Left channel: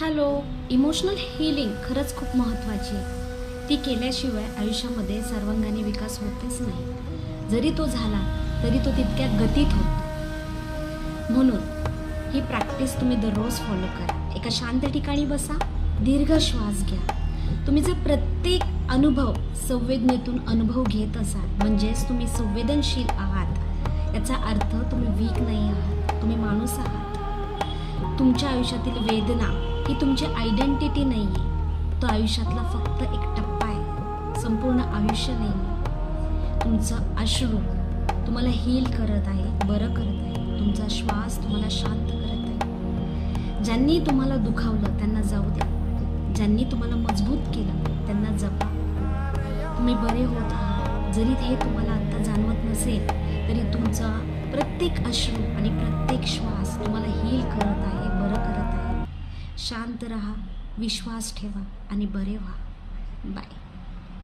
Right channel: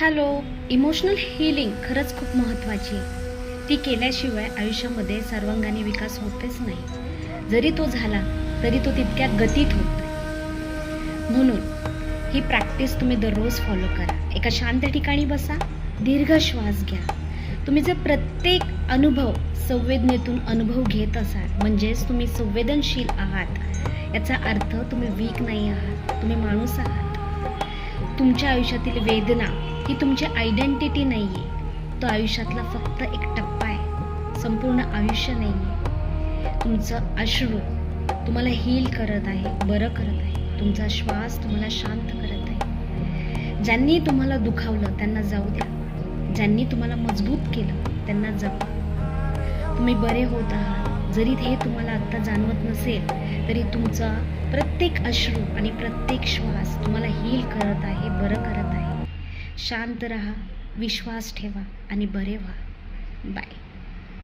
Hello. Emotional healing खरंच खूप महत्त्वाची आहे. ती केल्याशिवाय आयुष्यामध्ये सर्वांगीण विकास होतेच नाही. जरी तो झाला तरी तो तितक्या गतीत होत नाही. म्हणून ही प्रॅक्टिस तुम्ही दररोज फॉलो करा. एका शांत ठिकाणी बसा, दीर्घ श्वास घ्या. तुम्ही जर प्रत्येक अनुभव संवेदनेतून अनुभव घेत असाल म्हणजेच तुम्ही संवेदनशील आहात. याचा अर्थ तुम्ही वीक नाही आहात, तुम्ही माणूस आहात. तुमच्या आयुष्यातील वेदना ही तुमची आयडेंटिटी नाही आहे. तो आयुष्यातला फक्त एक टप्पा आहे, संपूर्ण आयुष्य नाही आहे. तुमचं अश्रू तुम्हाला हील करत आहे, बरं करत आहे. तुमचा श्वास तुम्हाला शांत करत आहे. ज्यांनी तुम्हाला दुखावलं त्यांना जाऊ द्या. ज्यांनी तुम्हाला मजबूत केलं त्यांना जपा. तुम्ही बरे होत आहात. जरी हे तुम्हाला आत्ता जाणवत नसेल तरी तुमचा प्रत्येक अश्रू आणि प्रत्येक श्वास तुम्हाला हील करत आहे, बरं करत आहे. शांत रहा, विश्वास ठेवा आणि बरे व्हा. बाय.